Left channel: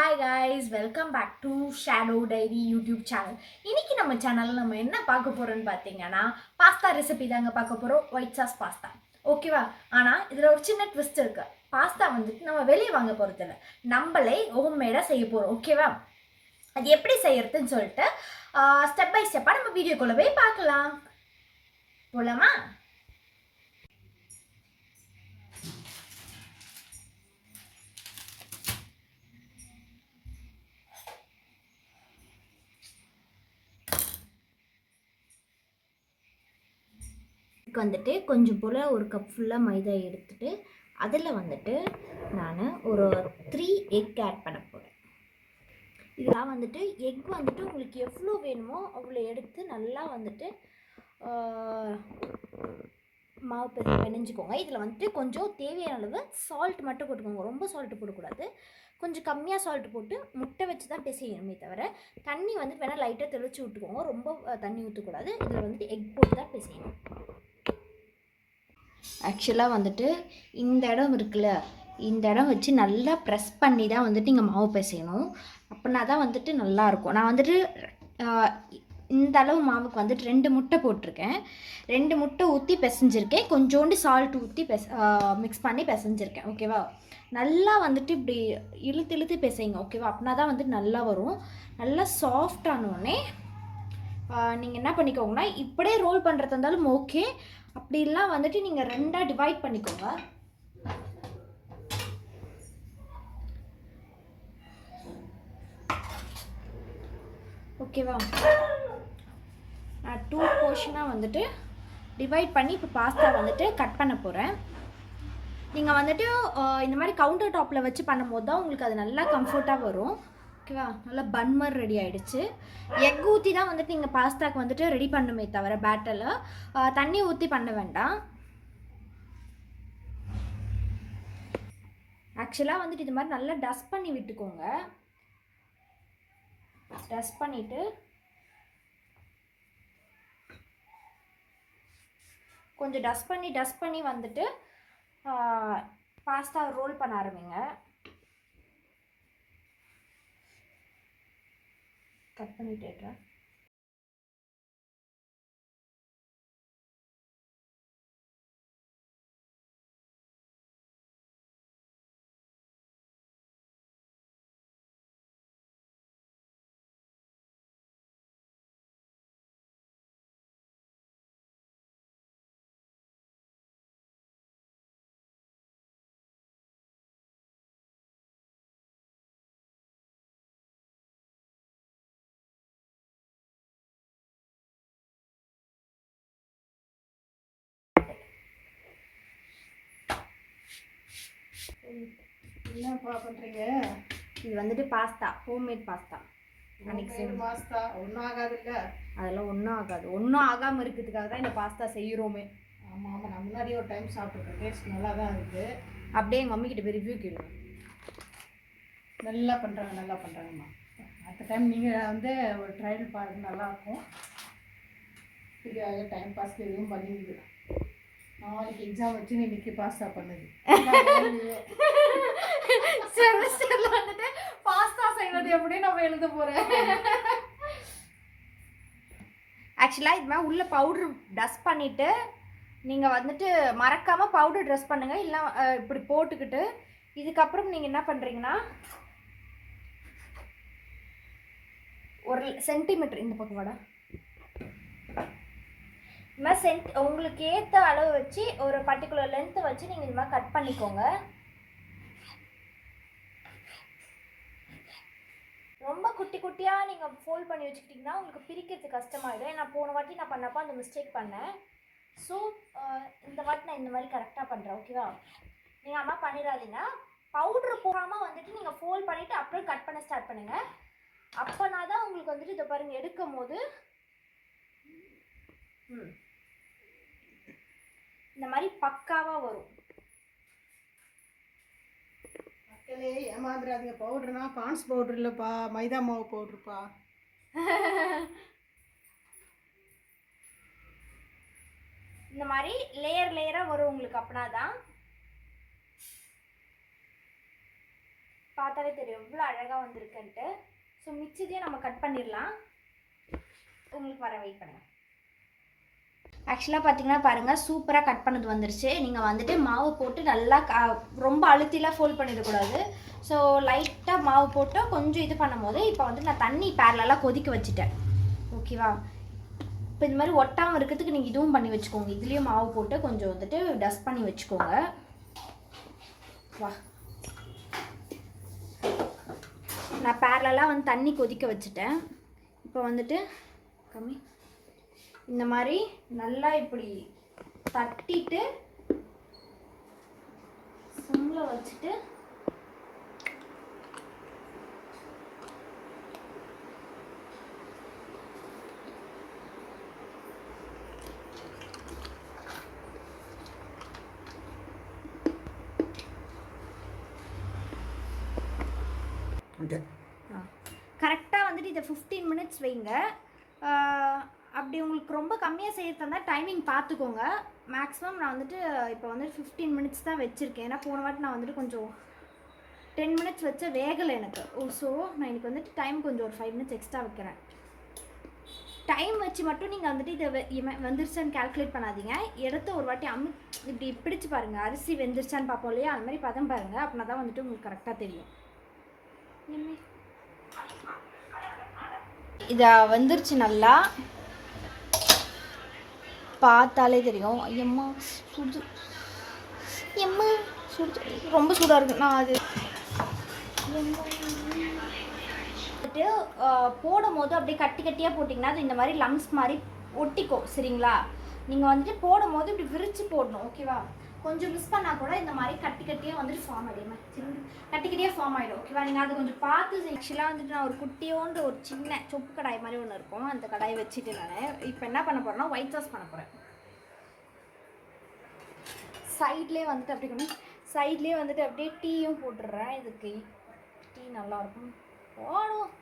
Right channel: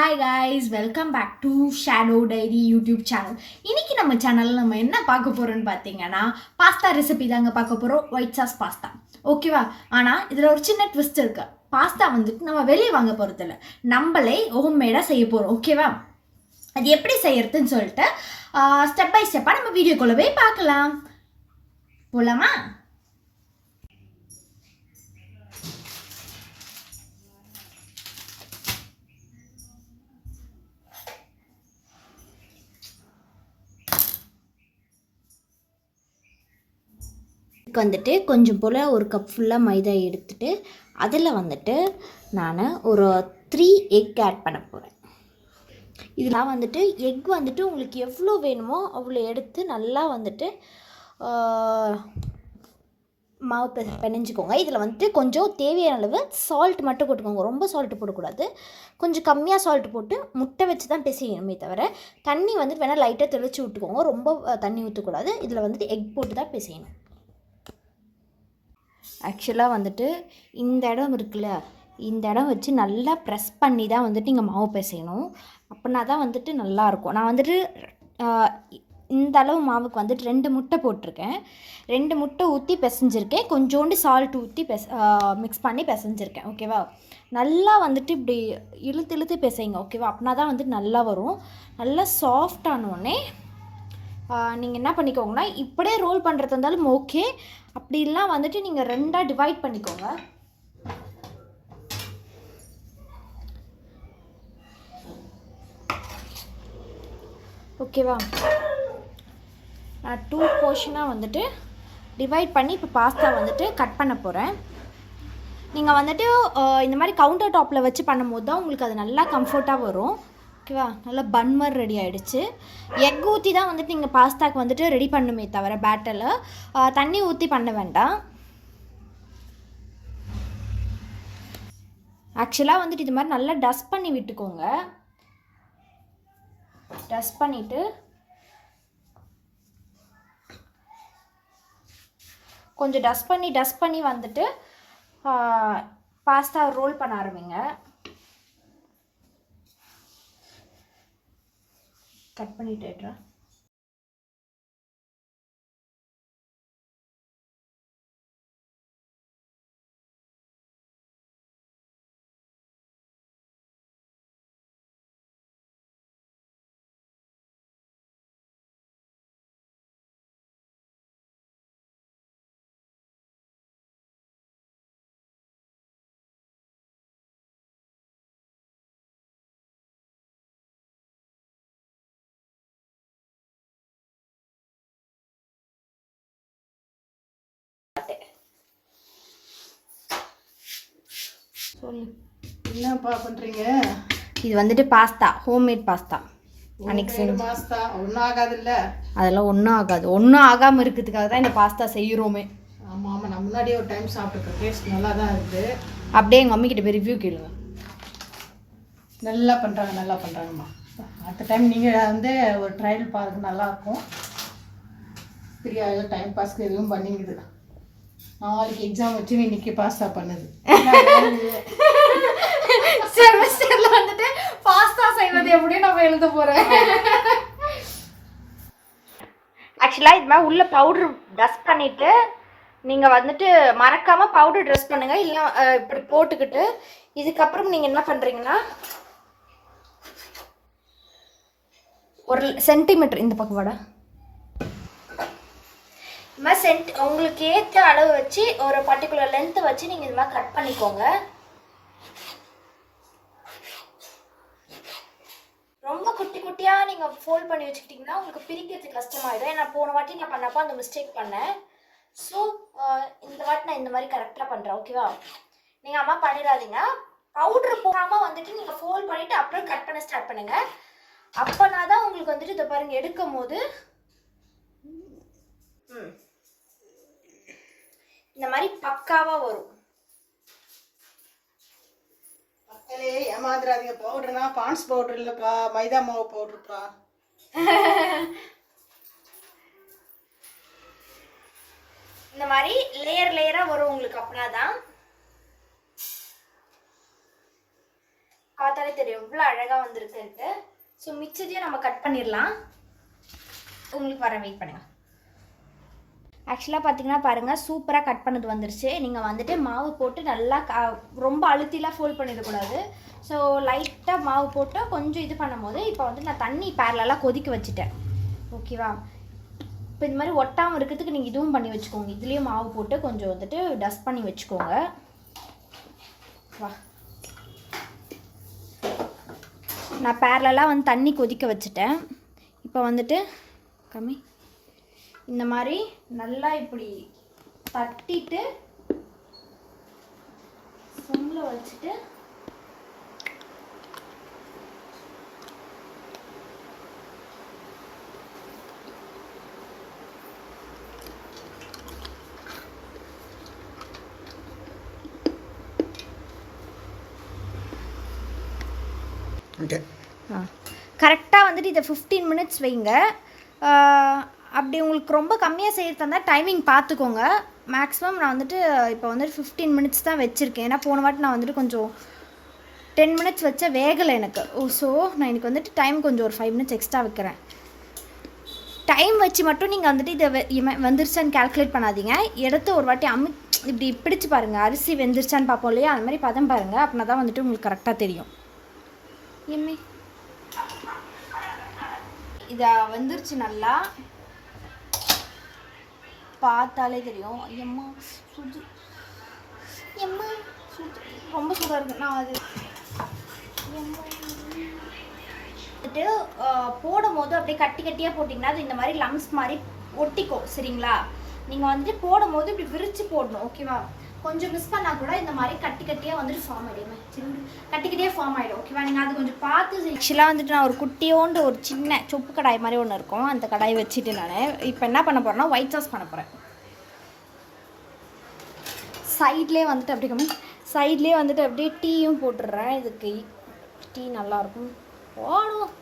Hi guys, welcome back to Shadow Diary YouTube channel. இன்னைக்கு நம்ம சேனல்ல நம்ம என்ன பார்க்க போறோம்னு பாத்தீங்கன்னா பாஸ்தா ரெசிபி தாங்க பார்க்க போறோம். White sauce pasta. ஓகேவா? ஆனா இதுல ஒரு சின்ன ட்விஸ்ட் இருக்கு. பாஸ்தா வந்துட்டு நம்ம வெளிய வாங்க போறது இல்ல. நம்மளே ஹோம்மேடா செய்ய போறோம். ஓகேவா? அது எப்படி செய்யறதுன்னு சொல்லிட்டு ஸ்டெப் பை ஸ்டெப்பா நம்ம வீடியோக்குள்ள போய் பார்க்கலாம். போலாமா? இதுக்கு வந்துட்டு கொஞ்சம் போல் ஒரு கப் ஃபுல்லாக மைதா எடுத்துகிட்டு அதில் வந்துட்டு நான் ஒரு 3 எக் ஆட் பண்ண போகிறேன். இதெல்லாம் வந்துட்டு எக் வந்துட்டு உங்களுக்கு எவ்வளோ வேணுமோ அவ்வளோ எடுத்து நல்லா வந்துட்டு மாவு பிணைஞ்சிக்கோங்க. இதில் வந்துட்டு கொஞ்சம் தேவையான அளவு சால்ட் மட்டும் போட்டுக்கோங்க. ரொம்ப சால்ட்டு போடக்கூடாது, கொஞ்சம் கம்மியாக சால்ட் போட்டு முட்டை வச்சு தான் பிசையணுமே தவிர தண்ணி வந்துட்டு வேணால் லைட்டாக தெளித்து விட்டுக்கோங்க. ரொம்ப தண்ணி ஊற்றக்கூடாது. இதில் வந்துட்டு எக் போட்டு தான் பிசையணும். ஆக்சுவலாக வந்துட்டு இந்த இடம் இருக்குல்ல, இந்த இடம் வச்சு நல்லா ப்ரெஸ் பண்ணி தான் வந்துட்டு நீங்கள் மாவு பிசையணும். அப்படின்னா தான் வந்துட்டு நல்லாயிருக்கும். நான் வந்துட்டு இந்த அளவு மாவுக்கு வந்துட்டு 2 முட்டை போட்டிருக்கேன். 2 முட்டை ஊற்றி பிசைஞ்சிருக்கேன். கொஞ்சோண்டு சால்ட் ஊற்றி மிக்ஸ் பண்ணி பிசைஞ்சிருக்கேன். ஓகேவா? நல்லா வந்துட்டு இப்படி இழுத்து இழுத்து பிசைங்க. ஓகேவா? அப்படின்னா தான் வந்துட்டு நல்லா வரும். நல்லா சாஃப்டானோடனே நீங்கள் என்ன பண்ணிக்கோங்கன்னா, இப்படியே ரோல் பண்ணுறது இருந்தாலும் ஓகே, அப்படிலாம் வந்துட்டு நீங்கள் 2ஆக டிவைட் பண்ணிக்கோங்க. ஓகேவா? நான் 2 போர்ஷனாக வந்துட்டு டிவைட் பண்ணி இப்போ பாஸ்தா வந்துட்டு கட் பண்ண போகிறேன். நீங்கள் வந்துட்டு இந்த மாதிரி கவுண்டர் டாப்பில் வச்சு பண்ணும்போது தான் உங்களுக்கு அது நல்லா கம்ஃபர்ட்டாக வரும். ஓகேவா? நல்லா பன் மாதிரி ரெடி ஆகிடுச்சு. எக் ஊற்றி தான் வந்துட்டு நீங்கள் பாஸ்தாக்கு வந்துட்டு ரெடி பண்ணுமே தவிர பேட்டரில் தண்ணி ஊற்றி பண்ண வேண்டாம். ஆக்சுவலாக வந்துட்டு இது மாதிரி நல்லா டஸ்ட் பண்ணி விட்டுக்கோங்க. டஸ்ட் பண்ணிவிட்டு கொஞ்சம் டஸ்ட் பண்ணி வந்துட்டு பாஸ்தா ரோல் பண்ண ஆரம்பிங்க. கட் பண்ணிட்டு என்னப்பா பண்ணுறீங்க? இது வந்துட்டு பாஸ்தா, ஹோம்மேட் பாஸ்தா. அன்னைக்கு செய்ய பாஸ்தா ஒன்றும் ஆகாதுல்ல? அதெல்லாம் ஒன்றும் ஆகாது. ஒன்றும் ஆகாமல் இருக்கிறதுக்காக தான் இந்த பாஸ்தா செய்கிறோமே. ஆமாம் ஆமாம், நான் முன்னாடியே ஒரு டைம் சாப்பிட்ருக்கேன். டேஸ்ட் நல்லா தான் இருக்குது. அப்படியே எங்கள் மம்மிக்கிட்ட போய் ரிவ்யூ கேளுங்க. நல்லா பண்ணுறாங்கம்மா. அடுத்த டைம் நீங்கள் வந்து ஒரு ட்ரையல் பாருங்கள், நல்லாயிருக்கும். ஃப்ரீயா டைம் பாஸ்க்கு எதுவும் பண்ணிக்குது. நாளைக்கு எக்ஸாம் வச்சு இன்னைக்கு பாஸ்தா பண்ணுது. செமஸ்டரில் வந்துட்டு பாஸ்தா செய்வது எப்படியும் நம்ம எழுத போகிறேன். ஆக்சுவலாக இது மாதிரி உள்ள பவுட்ரு டஸ்ட் பண்ணிவிட்டு நீங்கள் வந்துட்டு மறக்காமல் பவுடர் ட்ரெஸ் பண்ணுங்கள். இல்லை இப்படி போட்டுக்கிட்டு இதுக்கப்புறம் நீங்கள் என்ன பண்ணுறீங்கன்னா, 1 சென்டிமீட்டர் இந்த பக்கம் வாடா, இது மாதிரி உங்களுக்கு ஏற்ற அளவு வச்சு ஒரு பர்டிகுலர் லென்த்தை வச்சு நீங்கள் இது மாதிரி கட் பண்ணிக்கோங்க. ரொம்ப குட்டி குட்டியாக நீங்கள் ஃபோல்ட் பண்ணி வச்சுக்கிட்டிங்கன்னா உங்களுக்கு பிரிக்கிறதுக்கு கஷ்டமாயிடும். ஏன்னா போன வாட்டி நான் பண்ணப்போ அந்த மிஸ்டேக் பண்ணேன். ஸோ இந்த வாட்டி நான் இந்த மாதிரி கரெக்டாக பண்ணுறேன். ஓகேவா? நீங்கள் அம்மா பண்ணிடாதீங்க. பவுட்ரு போகாமல் வந்துட்டு நீங்கள் ஃபோல்ட் பண்ணிவிட்டு அப்புறம் கட் பண்ண ஸ்டார்ட் பண்ணுங்கள். அப்போனா தான் உங்களுக்கு வந்துட்டு இதை பாருங்கள், எடுக்கும் போது இந்த மாதிரி பக்காவாக வரும். மக்களே ஏமாந்துடாதீங்க. பவுடர்னா பான்ஸ் பவுடர் இல்லைப்பா, மைதா மாவு பவுடருப்பா. இந்த மாதிரி லேயர் லேயராக வரும் உங்களுக்கு. அப்படின்னா தான் பார்த்தாலே தெரியும் எவ்வளோ அழகாக வந்திருக்குன்ட்டு. ஸோ மிச்சத்தையும் நம்ம கட் பண்ணிடலாம். உங்களுக்கு வர வெயிட் பண்ணுங்கள். ஆக்சுவலாக பார்த்தீங்கன்னா பாருங்கள், சூப்பராக கட் பண்ணது வந்துருச்சு. நீங்கள் வந்துட்டு மாவு போட்டு நல்லா ரொம்ப அழுத்திலாம் ஃபோல்ட் பண்ணிடக்கூடாது. ஸோ லைட்டாக மாவு போட்டு கொஞ்சம் இது பண்ணும்போது இப்போ வந்து நான் தண்ணி பேரலெல்லாம் கொதிக்க வச்சுட்டேன். ஓகேவா? இப்போ இந்த மாதிரி ஒட்டாமல் இருக்கிறதுக்கு நீங்கள் இதுவும் பண்ணி வச்சுக்கோங்க. இதுலேயும் மாவு போட்டு கொஞ்சம் வந்துட்டு டஸ்ட் பண்ணி வச்சுக்கோங்க. வா, நான் பேரலெல்லாம் வந்து தண்ணி கொதிக்க வச்சுட்டேன். இப்போ வந்துட்டு கம்மி இந்த மாதிரி நல்லா இப்படி தட்டிட்டு சிம்மில் வச்சுட்டு கரெக்டாக வந்துட்டு இதை 15 மினிட்ஸ் வைங்க. அப்படி உங்களுக்கு ரொம்ப கம்மியாக செய்யறது இருந்தால் டைமிங் பார்த்துக்கோங்க. மேக்ஸிமம் நான் வந்துட்டு இப்போ வந்துட்டு 15 மினிட்ஸ் தான் வச்சுருக்கேன். ஏன்னா போன வாட்டி நான் வந்துட்டு கொஞ்சம் 10 மினிட்ஸ் வச்ச வேகலை எனக்கு. ஸோ நான் எனக்கு வந்துட்டு டைம் கொஞ்சம் ஒரு 5 மினிட்ஸ் எக்ஸ்ட்ரா வைக்கிறேன். டைம் வச்சு மட்டும் நீங்கள் வந்துட்டு இதை வெந்துருச்சான்னு கால்குலேட் பண்ணாதீங்க. எடுத்து ஒரு வாட்டி இப்படி பிடிச்சி பாருங்கள், அரிசி வெந்துருச்சான்னு பார்ப்போம் இல்லையா, அந்த மாதிரி பதம் பாருங்கள். அப்படின்னா தான் வந்துட்டு உங்களுக்கு கரெக்டாக தெரியும். இதை வந்துருச்சு, நல்லா பார்த்தாலே தெரியும். ஐயம்மா சுடு, எம்மா சுடு, ரொம்ப சூடாக இருக்கு. நான் அது வந்துட்டு போடும் போது அப்படியே கட்டி கட்டியாக போட்டிங்கன்னா அது இந்த மாதிரி லம்ஸ் மாதிரி ஒட்டிக்கும். சரிங்களா? நீங்கள் வந்துட்டு போடும் போது இப்படி விரித்து போடணும். ஓகேவா? கொஞ்சம் மிஸ் பண்ணால் கூட இந்த மாதிரி கட்டி கட்டியாக வந்துட்டு ஃபார்ம் ஆகிடுமே, கட்டி கட்டியாக ஃபார்ம் ஆகிடும். ஓகேவா? நீங்கள் அது கொஞ்சம் பார்த்து. ஆக்சுவலாக வந்துட்டு நான் ஒரு குட்டியோண்டு ஒரு சின்ன சொப்பு கடாய் மாதிரி ஒன்று இருக்கும், அந்த கடாயை வச்சுட்டு நான் இப்போ என்ன பண்ண போகிறேன்னா ஒயிட் சாஸ் பண்ண போகிறேன். சைட்லேயே வந்துட்டு அப்படி சைட்லேயே வந்துட்டு அப்படியே டீயும் போட்டுடுறேன். இதுக்கு டீ நல்லாயிருக்கும். போடும்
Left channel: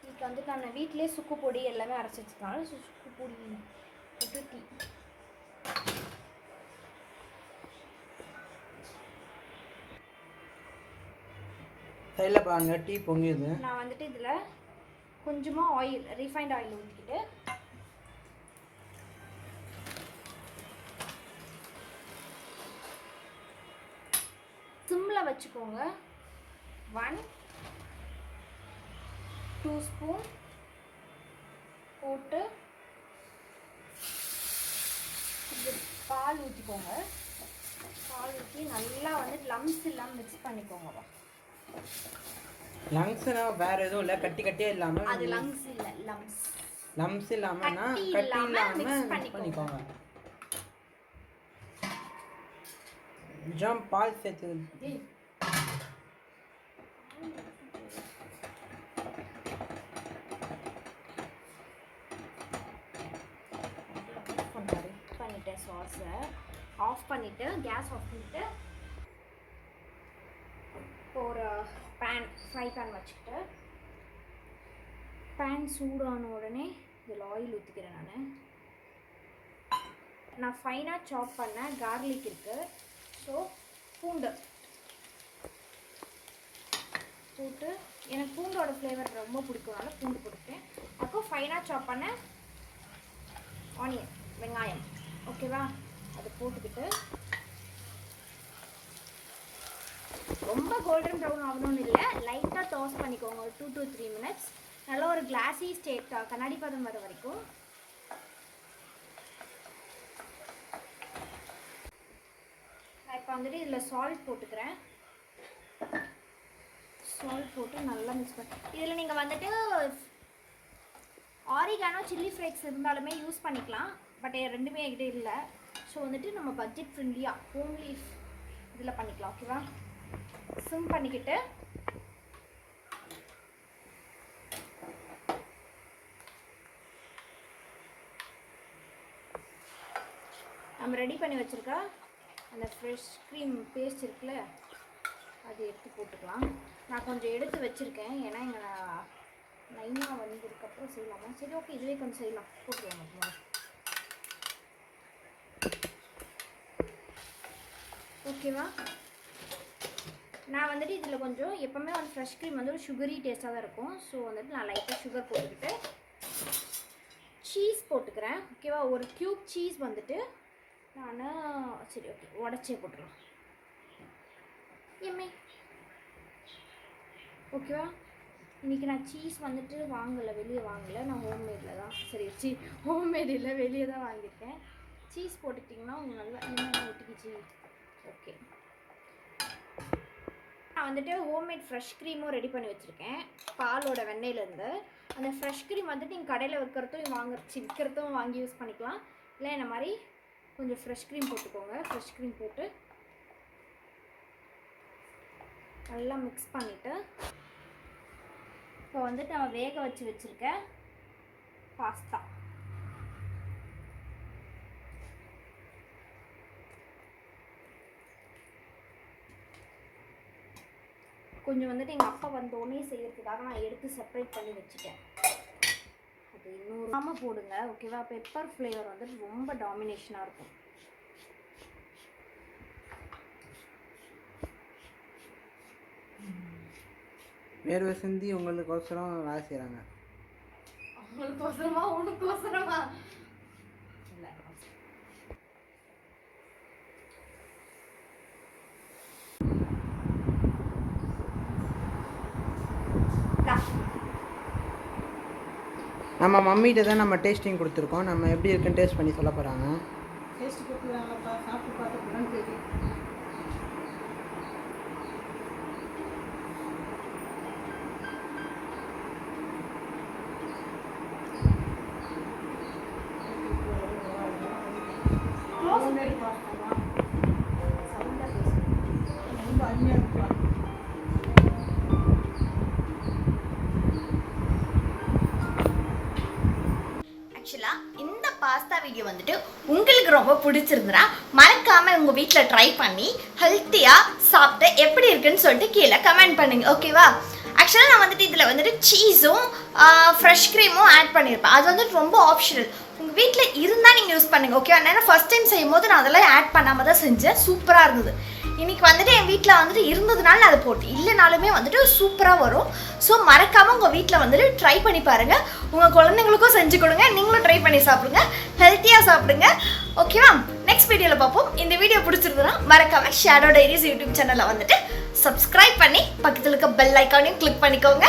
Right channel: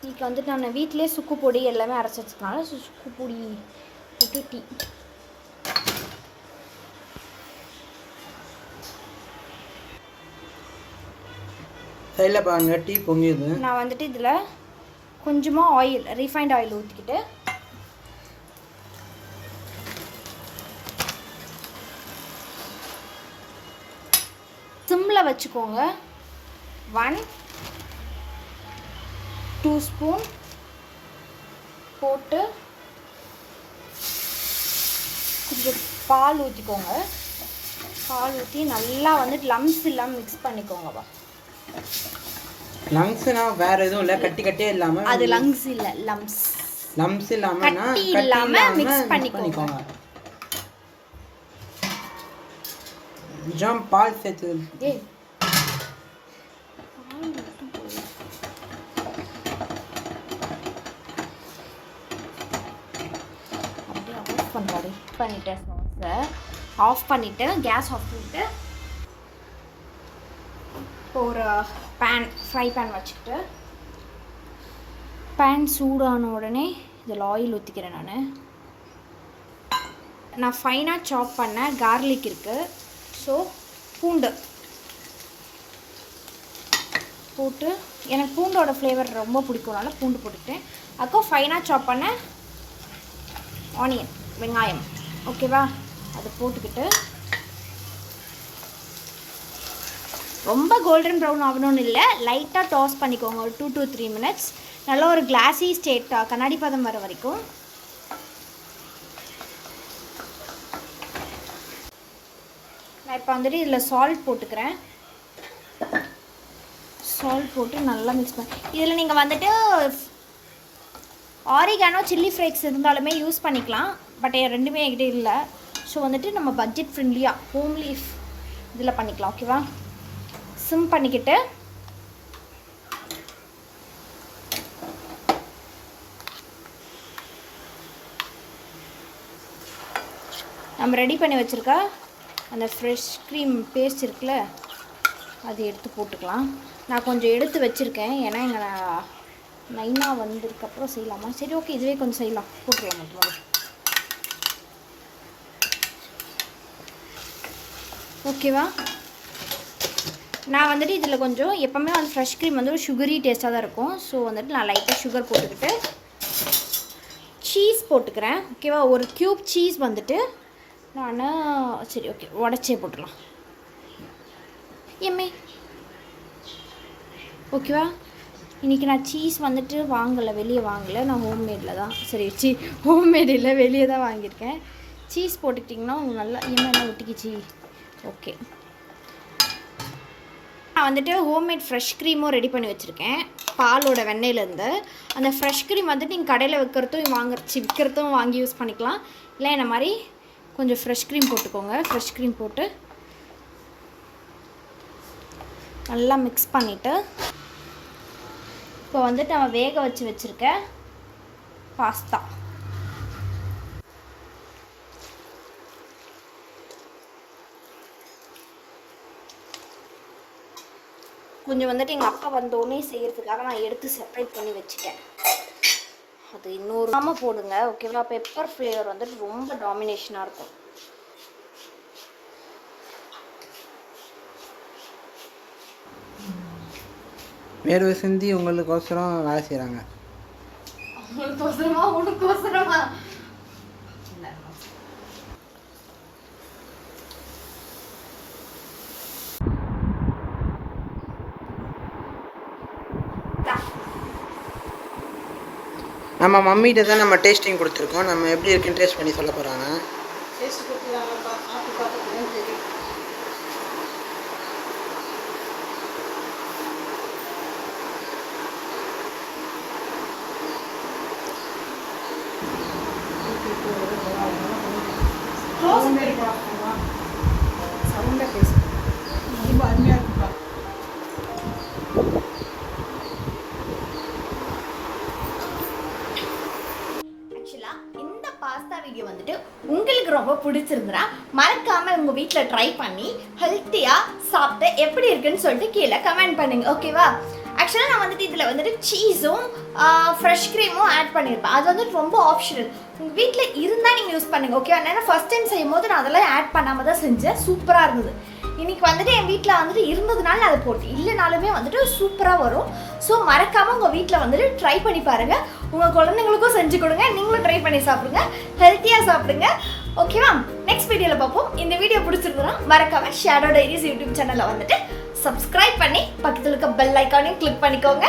டீக்கு வந்துட்டு நான் வீட்டிலே சுக்கு பொடி எல்லாமே அரைச்சி வச்சுக்கனால சுக்கு பொடி போட்டு டீ. சைடில் பாருங்க டீ பொங்கிடுது. நான் வந்துட்டு இதில் கொஞ்சமாக ஆயில், ரீஃபைண்ட் ஆயில் ஊற்றிக்கிட்டு சிம்மில் வச்சுக்கோங்க. 1-2 ஸ்பூன் போட்டு கொஞ்சம் பால் ஊற்றிக்கோங்க. பால் ஊற்றி நல்லா வந்துட்டு லம்ஸ் இல்லாமல் மிக்ஸ் பண்ணிக்கோங்கப்பா. லங்ஸ்னா வேற எதுவும் இல்லை, கட்டி கட்டியே இல்லாமல். அது லங்ஸ் இல்லை, லம்ஸ். லம்ஸ் இல்லாமல்னா கட்டி இல்லாமல் மிக்ஸ் பண்ணிக்கோங்க. ஜாம் பால் சேர்த்து. பண்ணிட்டேன் சாஸை ஆஃப் பண்ணிவிட்டு கேஸ் ஆஃப் பண்ணிவிட்டு ஒரு ஃப்ரை பேன் வச்சுக்கிட்டு பேன் சூடான உடனே இதில் ஆயில் ஊற்றிக்கிறேன். நான் ஃபைனாக சாப் பண்ண கார்லிக் இருக்குது. ஸோ பூண்டு போட்டு, எனக்கு பூண்டோட ஃப்ளேவர் ரொம்ப பிடிக்கும்னால பூண்டு போட்டுக்கிட்டேன். அதுக்கும் ஃபைனாக சாப் பண்ண ஆனியன், வெங்காயம். ஓகேவா? அதை போட்டுக்கிட்டு ரொம்ப கோல்டன் ப்ரௌன் ஆகணும்னு இல்லை, லைட்டாக டாஸ் பண்ணிக்கோங்க. ஒரு 2 to 3 மினிட்ஸ். நல்லா ஒரு கிளாஸி ஸ்டேட் கண்ணாடி பதம் வர வரைக்கும். நான் இப்போ வந்துட்டு இதில் சால்ட் போட்டுக்கிறேன். சால்ட் போட்டு நல்லா மிக்ஸ் பண்ணி இதில் நீங்கள் வந்துட்டு ஆரிகானோ சில்லி ஃப்ளேக்ஸ் இருந்தாலுமே யூஸ் பண்ணிக்கலாம். பட் ரெண்டுமே என்கிட்ட இல்லை. ஸோ வந்துட்டு நம்ம பட்ஜெட் ஃப்ரெண்ட்லியாக ஹோம்லி இதில் பண்ணிக்கலாம். ஓகேவா? சிம் பண்ணிக்கிட்டு நம்ம ரெடி பண்ணி வச்சுருக்க அந்த ஃப்ரெஷ் க்ரீம் பேஸ்ட் இருக்குல்ல, அது எடுத்து போட்டுக்கலாம். நான் கொஞ்சம் எடுத்து வச்சுருக்கேன், ஏன்னா எங்கள் நைனா வந்ததுக்கப்புறம் செய்யலாமா? சரி, ஓகே, இதுவே கொஞ்சம் செய்யலாம். போட்டுருவோம் மட்டும். ஓகேவா? நான் வந்துட்டு இதில் கொஞ்சம் எப்போவுமே வந்து ஃப்ரெஷ் க்ரீம் வந்து ஒரு சுகரி டேஸ்ட்டாக தான் இருக்கும். ஸோ வந்துட்டு நான் லைட்டாக சுகர் போட்டுக்கிட்டு சீஸ் போட்டுக்கிறேன். ஓகேவா, ஒரு க்யூப் சீஸ் வந்துட்டு நான் சரி ஓகே உடச்சே போட்டுடலாம். எம்மே ஓகேவா. இன்றைக்கி நான் சீஸ் வந்துட்டு வாங்கலை, வெளியே வாங்கலை, நான் ஹோம்மேடில் தான் ஹோம்மேட் இல்லை, வெளியே தான் வாங்கியிருக்கேன். சீஸ் போட்டுக்கிட்டிங்கன்னா உங்களுக்கு நல்லா என்ன ஒட்டிக்கிச்சு. ஓகே, நான் வந்துட்டு ஹோம்மேட் ஃப்ரெஷ் க்ரீமும் ரெடி பண்ணி வச்சுருக்கேன். பாலோட வெண்ணெயிலேருந்து அந்த ஃப்ரெஷ் க்ரீம் வந்துட்டு நீங்கள் கடையில் விற்கிறதும் வாங்கி யூஸ் பண்ணிக்கலாம். இல்லை என்ன மாதிரி கொஞ்சம் ஃப்ரெஷ் க்ரீம் போட்டுக்கோங்க. ஃப்ரெஷ் க்ரீம் போட்டு நல்லா மிக்ஸ் பண்ணிவிட்டு இப்போ வந்துட்டு நம்ம வேக வச்சுருக்க பாஸ்தா கொஞ்சம் வந்துட்டு எங்கள் அப்பா வந்தோடனே செய்கிறதுக்காக நான் எடுத்து செப்பரேட் பண்ணி வச்சுட்டேன். அது இன்னொரு போடுங்க. ஓகேவா, பெப்பர் ஃப்ளேவர் வந்துட்டு ரொம்ப டாமினேஷனாக இருக்கும். வேர்வை சிந்தி உங்களுக்கோசரம் வேலை செய்கிறாங்க. உனக்கோசரமா நம்ம மம்மிகிட்ட தான் நம்ம டேஸ்டிங் கொடுத்துருக்கோம். நம்ம எப்படி இருக்குன்னு டேஸ்ட் பண்ணி சொல்ல போகிறாங்க. டேஸ்ட் கொடுத்துருக்காங்கப்பா, சாப்பிட்டு பார்த்துட்டு தெரியும். சவுண்டாக பேசு, ரொம்ப அருமையாக இருக்குப்பா. ஆக்சுவலாக இந்த பாஸ்தா வீடியோ வந்துட்டு உங்களுக்கு ரொம்ப பிடிச்சிருந்துன்னா மறக்காமல் உங்கள் வீட்டில் ட்ரை பண்ணி ஹெல்த்தியாக சாப்பிட்டு எப்படி இருக்குன்னு சொல்லிட்டு கீழே கமெண்ட் பண்ணுங்கள். ஓகேவா, ஆக்சுவலாக நான் வந்துட்டு இதில் வந்துட்டு சீஸும் ஃப்ரெஷ் க்ரீமும் ஆட் பண்ணியிருப்பேன். அது வந்துட்டு ரொம்ப ஆப்ஷனல், உங்கள் வீட்டில் இருந்தால் நீங்கள் யூஸ் பண்ணுங்கள். ஓகேவா, ஏன்னா ஃபஸ்ட் டைம் செய்யும் போது நான் அதெல்லாம் ஆட் பண்ணாமல் தான் செஞ்சேன். சூப்பராக இருந்தது. இன்றைக்கி வந்துட்டு என் வீட்டில் வந்துட்டு இருந்ததுனால நான் அதை போட்டு, இல்லைனாலுமே வந்துட்டு சூப்பராக வரும். ஸோ மறக்காமல் உங்கள் வீட்டில் வந்துட்டு ட்ரை பண்ணி பாருங்கள். உங்கள் குழந்தைங்களுக்கும் செஞ்சு கொடுங்க, நீங்களும் ட்ரை பண்ணி சாப்பிடுங்க, ஹெல்த்தியாக சாப்பிடுங்க. ஓகேவா, நெக்ஸ்ட் வீடியோவில் பார்ப்போம். இந்த வீடியோ பிடிச்சிருந்ததுன்னா மறக்காமல் ஷேடோ டைரிஸ் யூடியூப் சேனலில் வந்துட்டு சப்ஸ்கிரைப் பண்ணி பக்கத்தில் இருக்க பெல் ஐக்கானையும் கிளிக் பண்ணிக்கோங்க.